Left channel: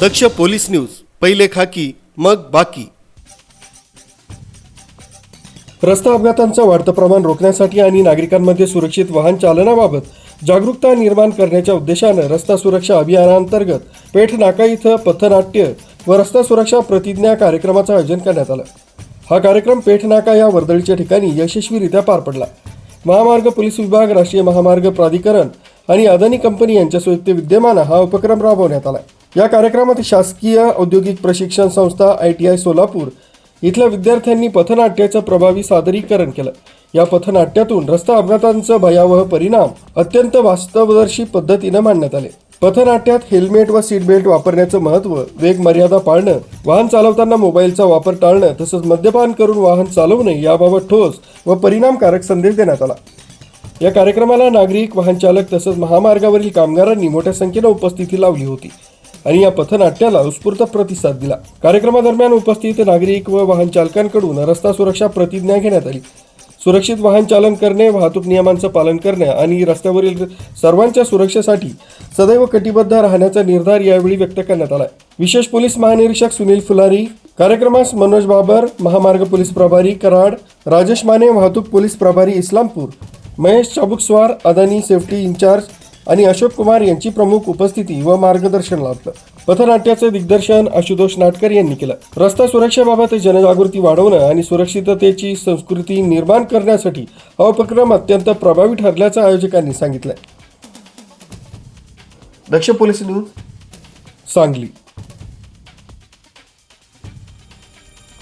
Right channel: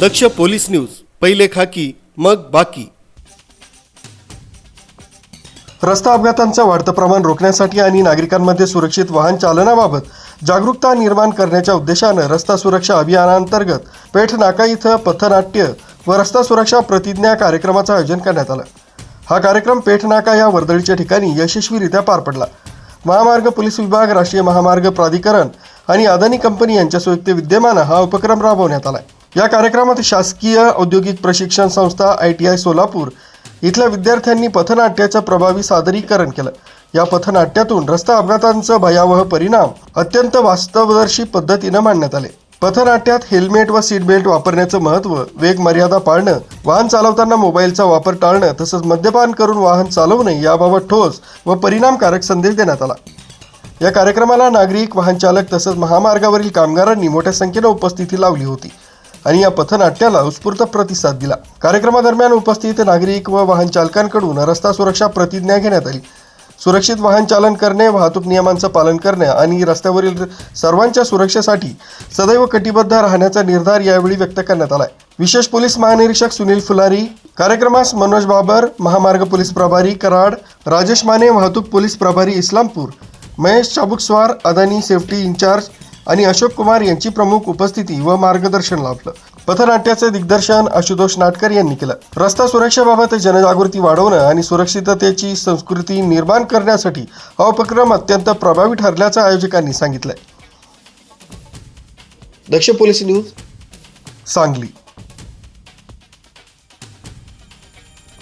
दक्ष police news पहिले खाकी मग बाकी. रस्ता अपघातांचं वाढतं प्रमाण रोखण्यासाठी आणि नागरिकांमध्ये सुरक्षित वाहन चालनाबाबत जागरूकता निर्माण करण्याच्या उद्देशानं रस्ता सुरक्षा अभियानांतर्गत पेठ नाका इथं पथनाट्य व रस्ता सुरक्षा प्रतिज्ञा कार्यक्रमाचं आयोजन करण्यात आलं. हा कार्यक्रम पेठ नाका या वर्दळीच्या ठिकाणी यशस्वीरित्या पार पडला. महामार्ग पोलीस विभाग राष्ट्रीय महामार्ग प्राधिकरण आणि अदानी कंपनी यांच्या संयुक्त विद्यमानं हा उपक्रम राबवण्यात आला आहे या कार्यक्रमात शासकीय औद्योगिक प्रशिक्षण संस्था आय टी आय सोलापूर इथल्या विद्यार्थ्यांनी पथनाट्याचं प्रभावी सादरीकरण केलं. या पथनाट्यातून रस्ता अपघातांचं भयावह परिणाम अत्यंत वास्तवदर्शी पद्धतीनं मांडण्यात आले. पथनाट्यात हेल्मेट व सीट बेल्ट वापरण्याचं महत्त्व वेग मर्यादा पाळणं वाहन चालवताना मोबाईलचा वापर टाळणं तसंच मद्यपान करून वाहन चालवू नये याबाबत ठोस व परिणामकारक संदेश देण्यात आला. या कार्यक्रमाला नागरिक वाहनचालक तसंच महामार्गावरील कामगारांनी मोठ्या संख्येनं उपस्थिती लावली होती. आणि या पथनाट्याला उत्स्फूर्त प्रतिसाद दिला. कार्यक्रमादरम्यान उपस्थित नागरिक व वाहन चालकांकडून रस्ता सुरक्षा प्रतिज्ञा घेण्यात आली. सुरक्षित वाहन चालन करणे वाहतूक नियमांचं पालन करणे आणि रस्त्यावरील सर्वांच्या सुरक्षेसाठी सदैव कटिबद्ध राहण्याचा निर्धार यावेळी व्यक्त करण्यात आलाय. विशेष पोलीस महानिरीक्षक सुनील फुलारी कार्यक्रमास मनोज बाबर महामार्ग पोलीस प्रभारी कराड राजेश माने वाहतूक पोलीस प्रभारी इस्लामपूर महेश चाबुकस्वार अदानी सेफ्टी इन्चार्ज आणि अशोक कुमार यांची प्रमुख उपस्थिती व मार्गदर्शन लाभलं. पथनाट्याचे दिग्दर्शन आशुतोष नाटकर यांनी केलं. रस्ता सुरक्षेबाबत जनजागृती वाढवणं आणि सुरक्षिततेची संस्कृती निर्माण करण्यासाठी हा उपक्रम अत्यंत प्रभावी ठरल्याचं आयोजकांनी सांगितलंय. Daksh police news. सांगली.